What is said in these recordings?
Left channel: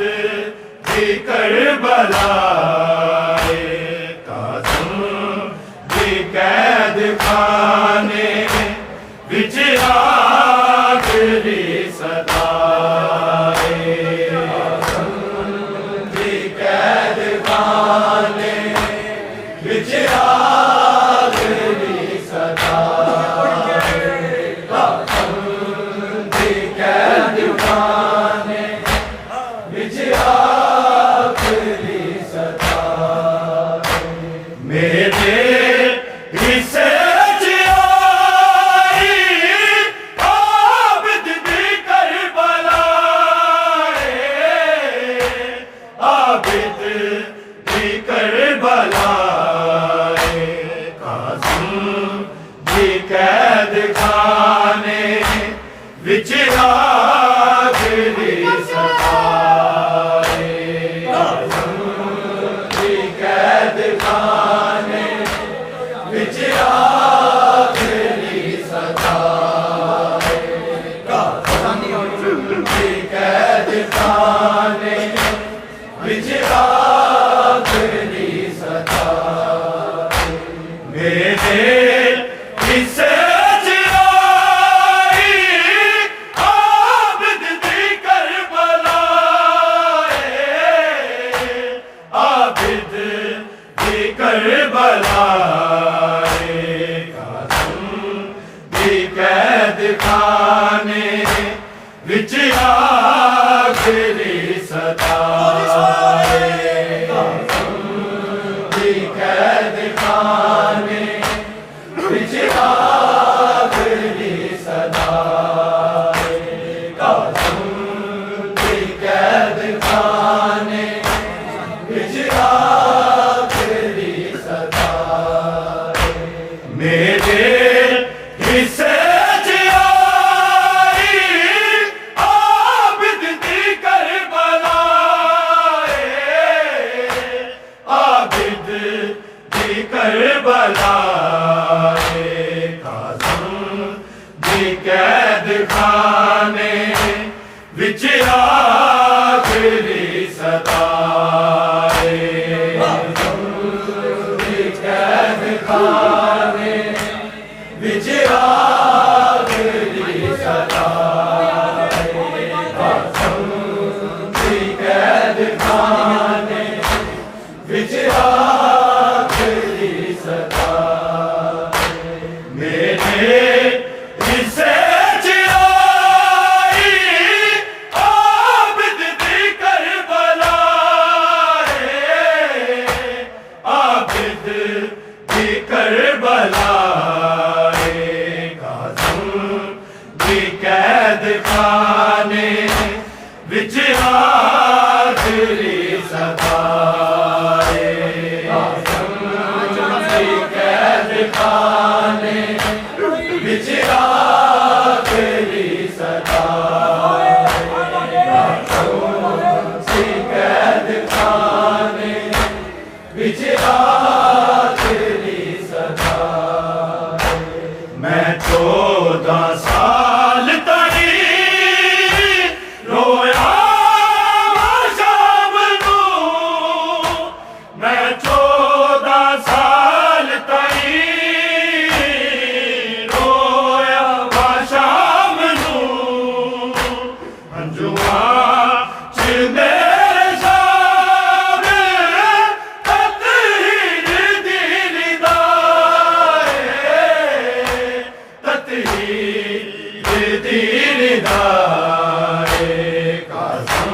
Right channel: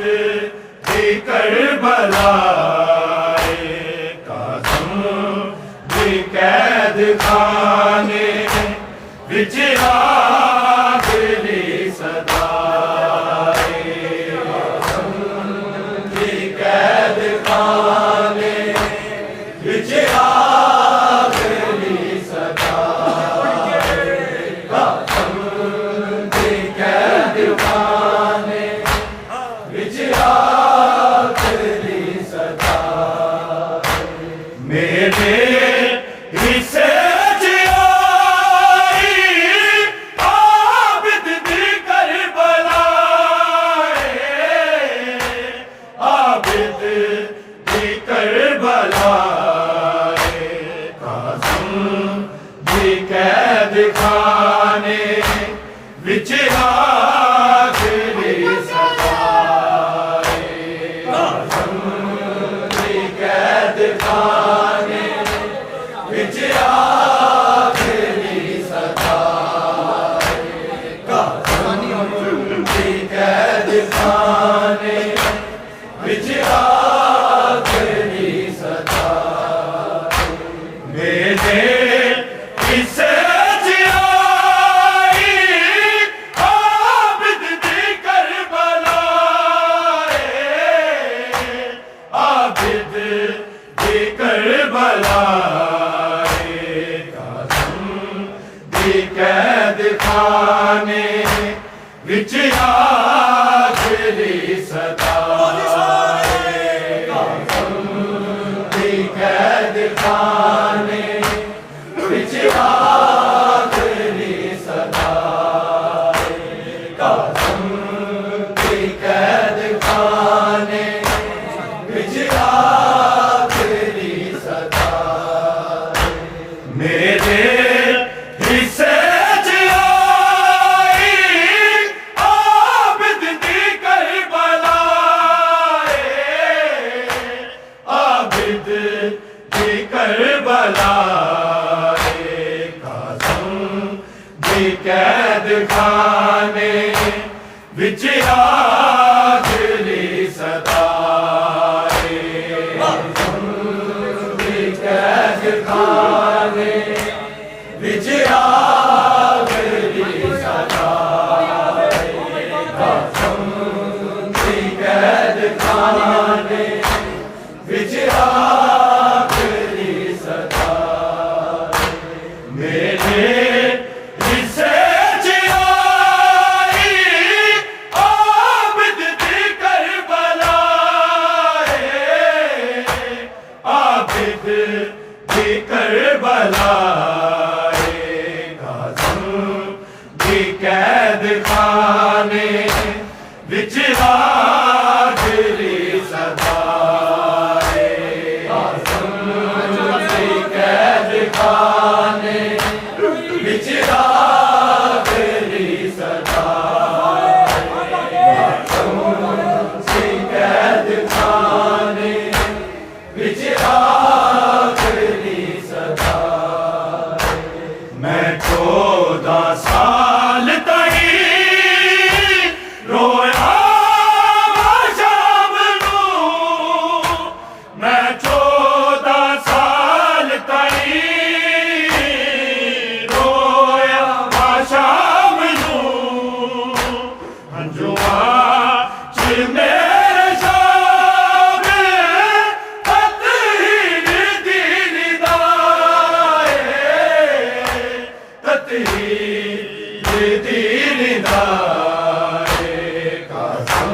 दी करबलाए काज़म दी कैद खाने विच आखिरी सदाए काज़म दी कैद खाने विच आखिरी सदाए काज़म दी कैद खाने विच आखिरी सदाए मेरे हिस्से च आई आबिद दी करबलाए आबिद दी करबलाए काज़म दी कैद खाने विच आखिरी सदाए काज़म दी कैद खाने विच आखिरी सदाए काज़म दी कैद खाने विच आखिरी सदाए मेरे हिस्से च आई आबिद दी करबलाए आबिद दी करबलाए काज़म दी कैद खाने विच आखिरी सदाए काज़म दी कैद खाने विच आखिरी सदाए काज़म दी कैद खाने विच आखिरी सदाए मेरे हिस्से च आई आबिद दी करबलाए आबिद दी करबलाए काज़म दी कैद खाने विच आखिरी सदाए काज़म दी कैद खाने विच आखिरी सदाए काज़म दी कैद खाने विच आखिरी सदाए मेरे हिस्से च आई आबिद दी करबलाए आबिद दी करबलाए काज़म दी कैद खाने विच आखिरी सदाए काज़म दी कैद खाने विच आखिरी सदाए काज़म दी कैद खाने विच आखिरी सदाए मैं 14 साल ताईं रोया शाम नूं मैं 14 साल ताईं रोया शाम नूं हंजुआं च मेरे शाम तत्हीर दी निदाए तत्हीर दी निदाए काज़म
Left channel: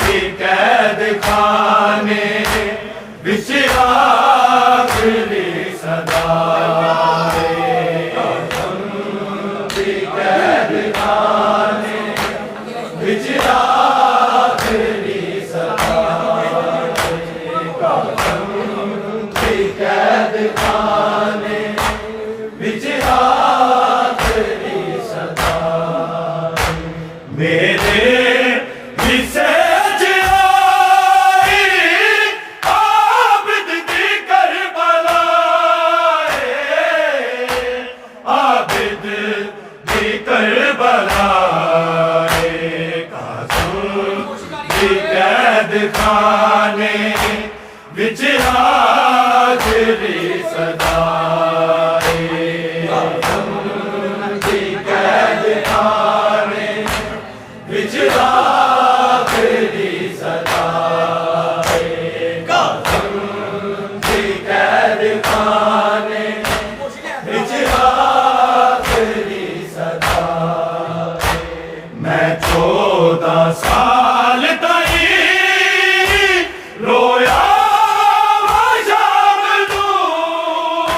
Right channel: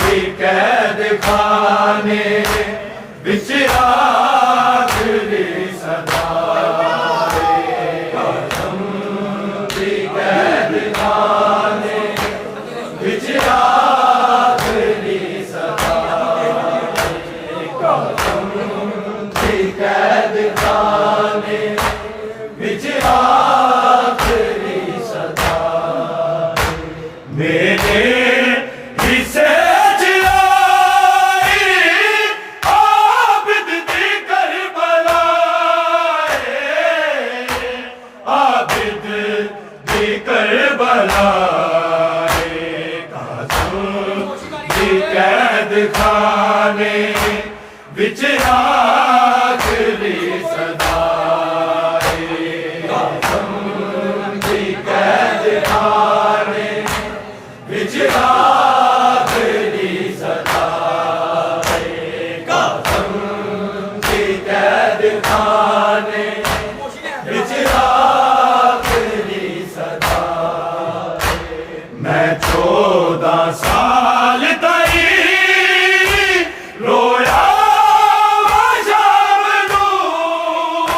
दी कैद खाने विच आखिरी सदाए काज़म दी कैद खाने विच आखिरी सदाए काज़म दी कैद खाने विच आखिरी सदाए मेरे हिस्से च आई आबिद दी कैद खाने विच आखिरी सदा कैद खाने विच आखिरी सदा कैद खाने विच आखिरी सदा मैं 14 साल ताई रोया शाम नूं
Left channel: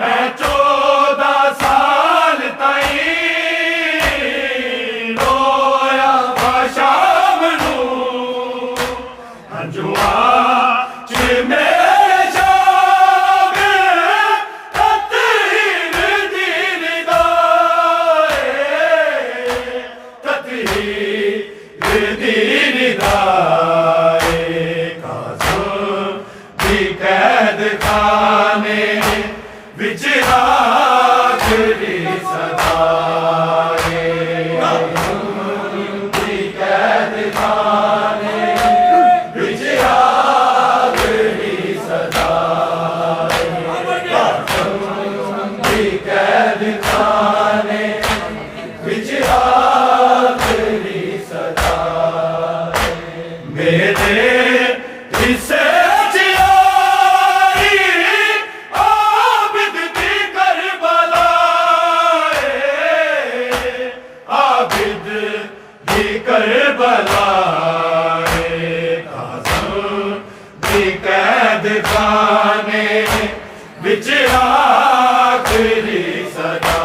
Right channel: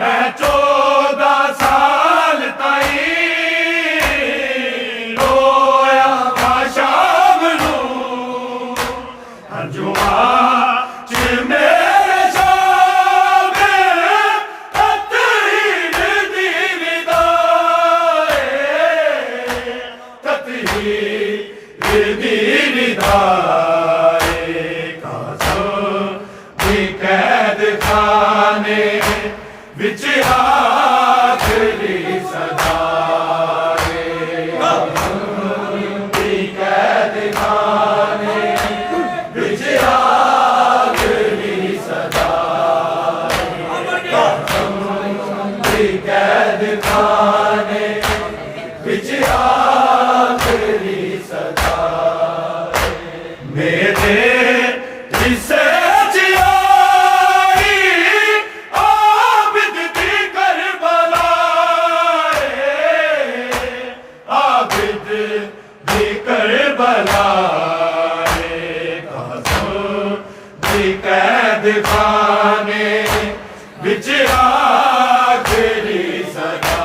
मैं 14 साल ताई रोया शाम नूं हंजुआ च मेरे शाम तत्हीन दी निदाए तत्हीन दी निदाए कैद खाने विच आखिरी सदा कैद खाने विच आखिरी सदा कैद खाने विच आखिरी सदा मेरे हिस्से कैद खाने विच आखिरी सदा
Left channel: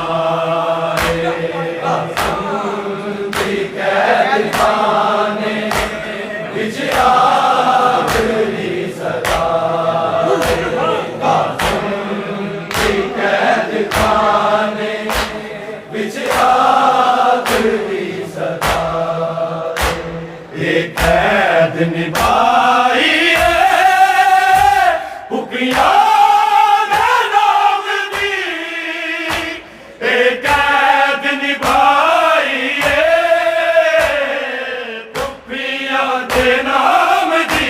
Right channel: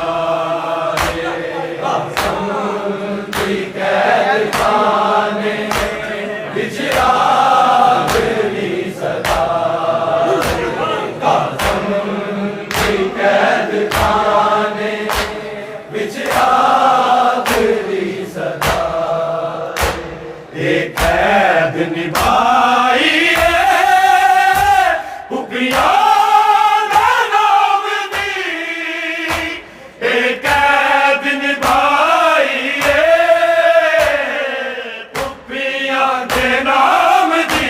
कैद खाने विच आखिरी सदा कैद खाने विच आखिरी सदा एक कैद निभाई कैद निभाई पुपिया दे नाम दी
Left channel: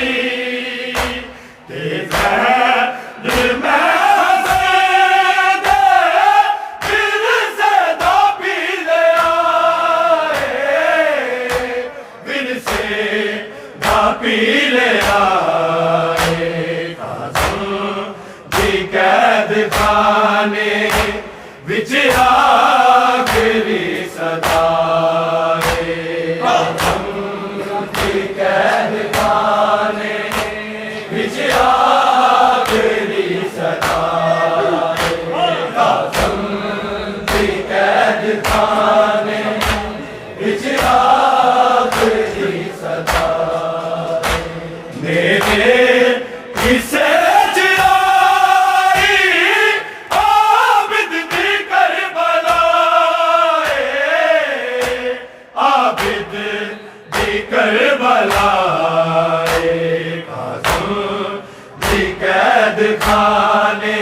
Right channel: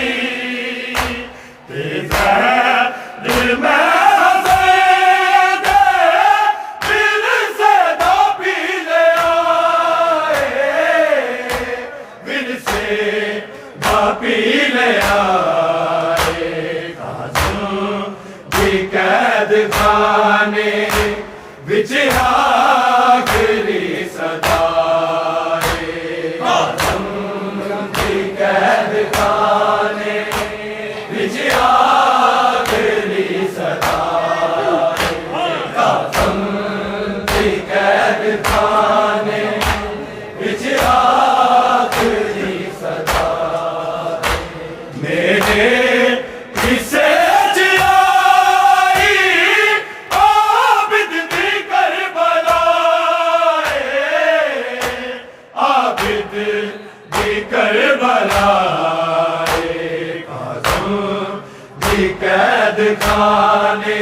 ते जहर मैं फिर से दा पी लिया फिर से दा पी लिया कैद खाने विच आखिरी सदा कैद खाने विच आखिरी सदा कैद खाने विच आखिरी सदा मेरे किसे कैद खाने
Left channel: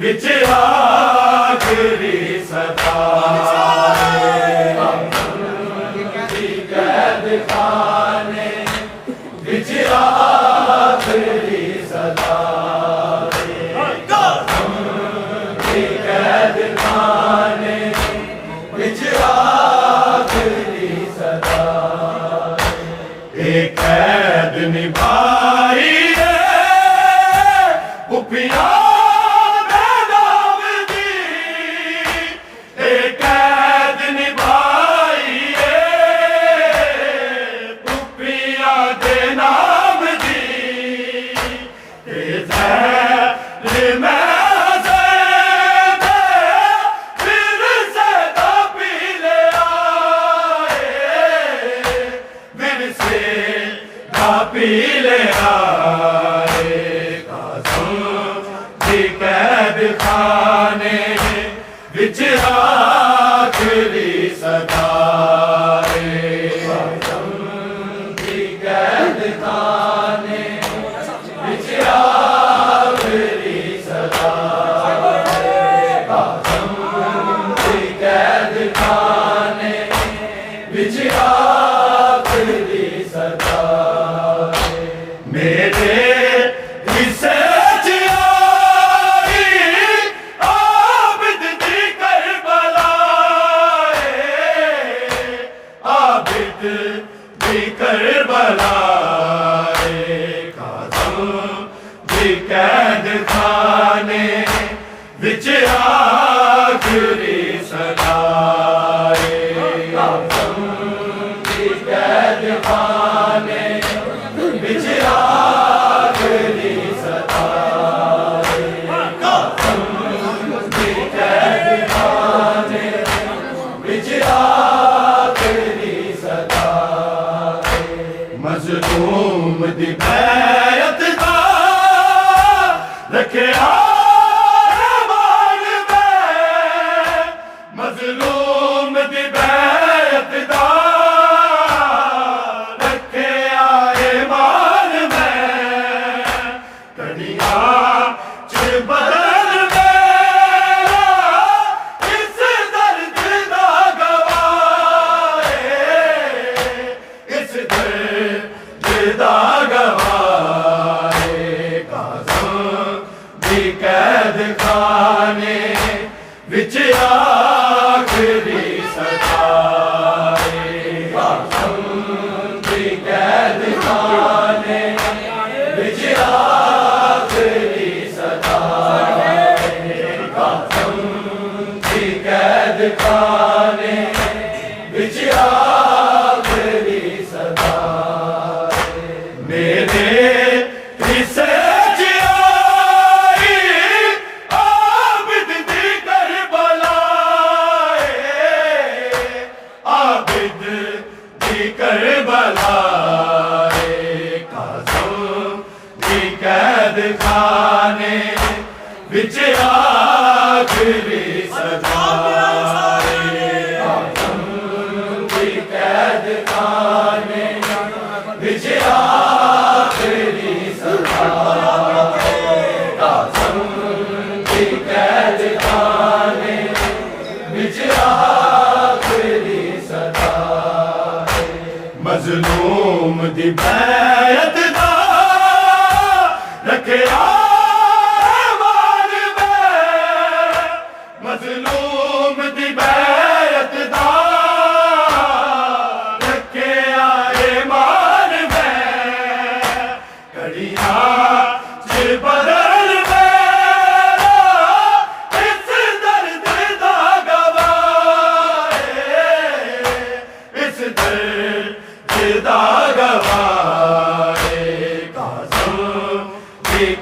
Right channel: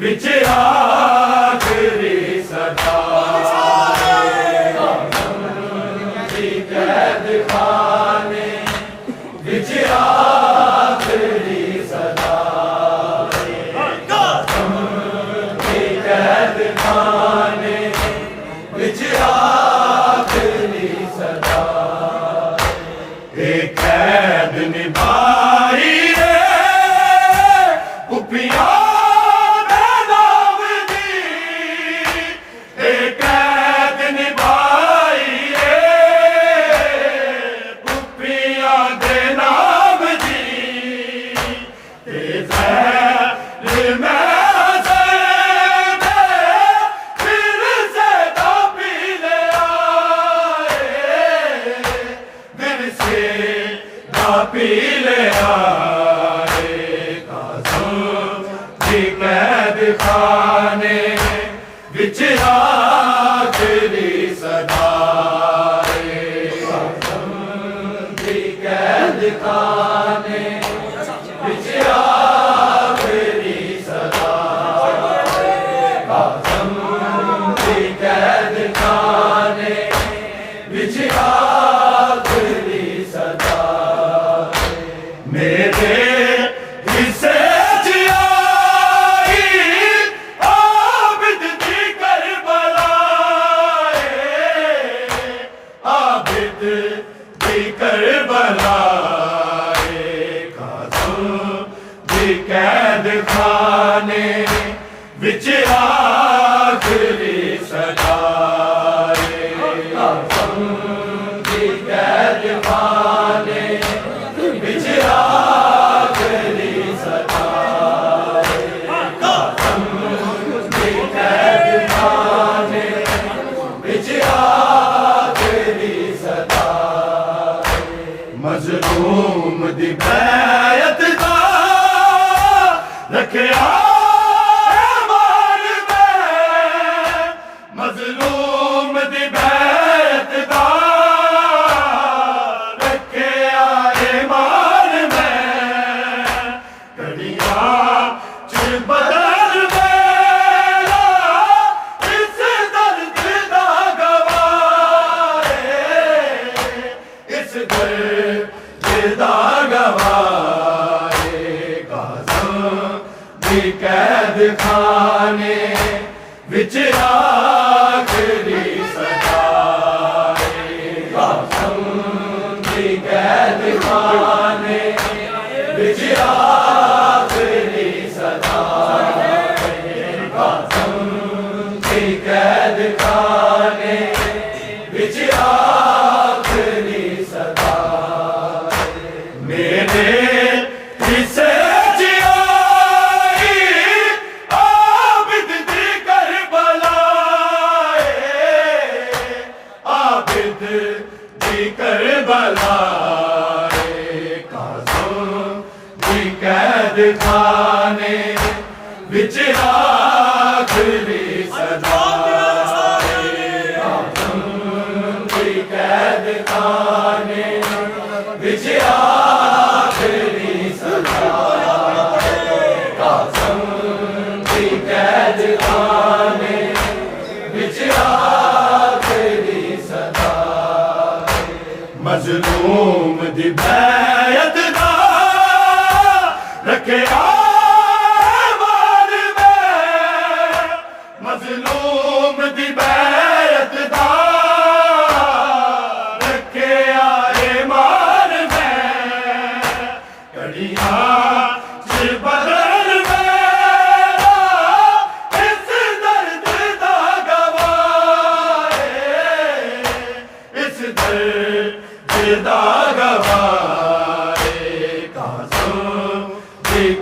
विच आखिरी सदा कैद खाने विच आखिरी सदा कैद खाने विच आखिरी सदा एक कैद निभाई पुपिया दे नाम दी कैद निभाई पुपिया दे नाम दी जहर मैं फिर से दा पी लिया फिर से दा पी लिया कैद खाने विच आखिरी सदा कैद खाने विच आखिरी सदा कैद खाने विच आखिरी सदा मेरे हिस्से च आई आबिद दी करबला आबिद दी करबला कैद खाने विच आखिरी सदाए काज़म दी कैद खाने विच आखिरी सदाए काज़म दी कैद खाने विच आखिरी सदाए मज़लूम दी बैयत रखिया मान में मज़लूम दी बैत दा रखिया ईमान में कड़िया च बदल मेरा इस दर्द दा गवाए इस दर्द दा गवाए कैद खाने विच आखिरी सदाए काज़म दी कैद खाने विच आखिरी सदाए काज़म दी कैद खाने विच आखिरी सदाए मेरे हिस्से कैद खाने विच आखिरी सदाए काज़म दी कैद खाने विच आखिरी सदाए काज़म दी कैद खाने विच आखिरी सदाए मज़लूम दी बैयत रखिया मान में मज़लूम दी बैत दा रखिया ईमान में कड़िया च बदल मेरा इस दर्द दा गवाए इस दर्द दा गवाए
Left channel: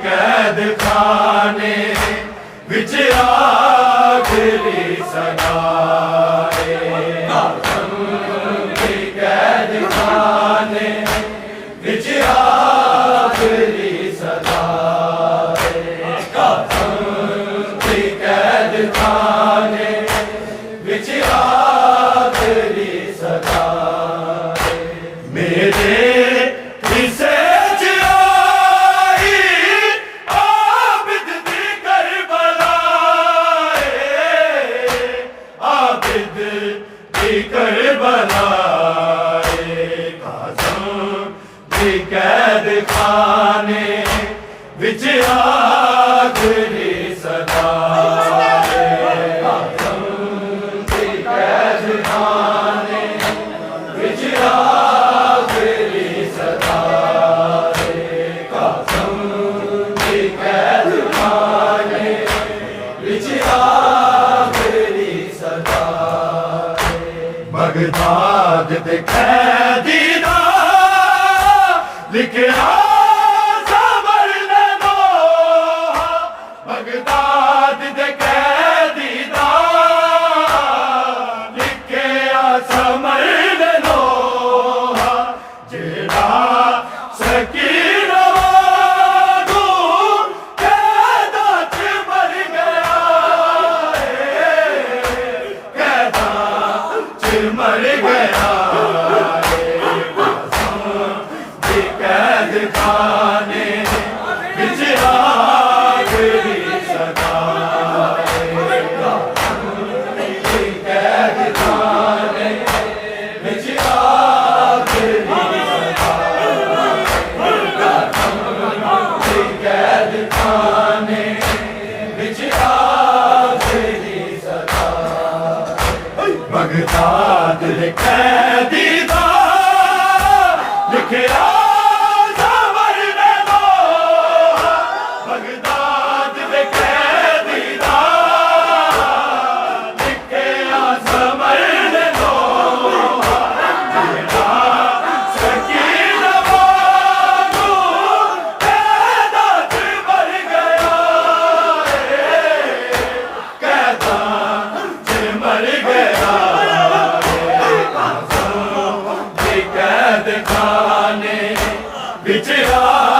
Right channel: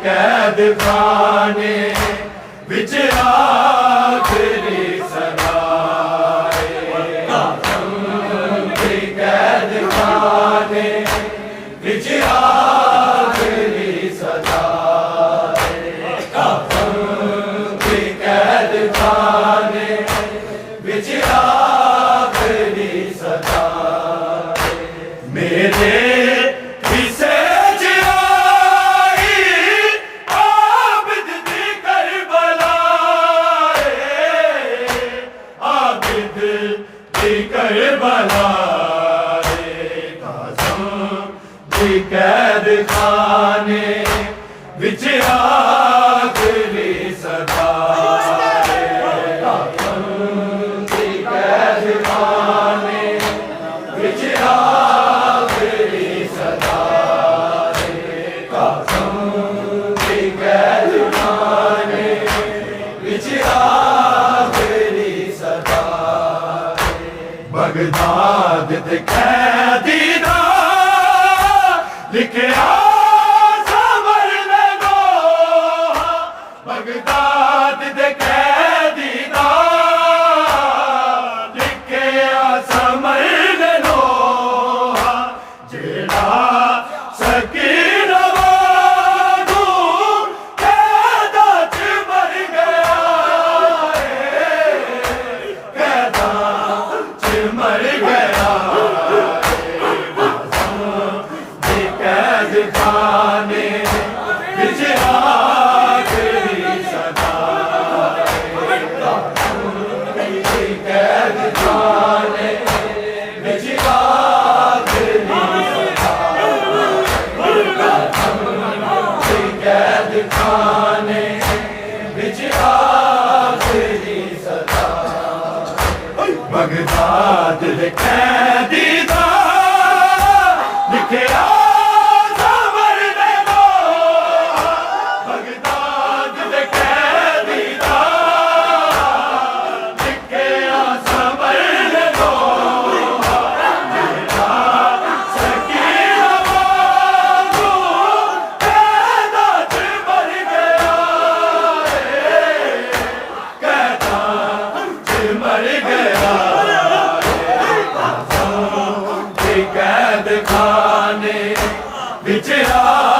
कैद खाने विच आखिरी सदाए काज़म दी कैद खाने विच आखिरी सदाए काज़म दी कैद खाने विच आखिरी सदाए मेरे हिस्से करबला काज़म दी कैद खाने विच आखिरी सदाए काज़म दी कैद खाने विच आखिरी सदाए काज़म दी कैद खाने विच आखिरी सदाए बगदाद दे कैदी दा लिखिया सबर लगो बगदाद दे कैदी दा लिखिया समर लो जेड़ा सकीन वागू कैदा च मर गया कैदा च मर गया कैद खाने विच आखिरी सदाए कैद खाने विच आखिरी सदाए कैदी दा लिखिया समर दे दो बगदाद दे कैदी दा लिखिया समर दे दो सकीना वांगू कैदा च मर गया कैदा च मर गया कैद खाने बिच आ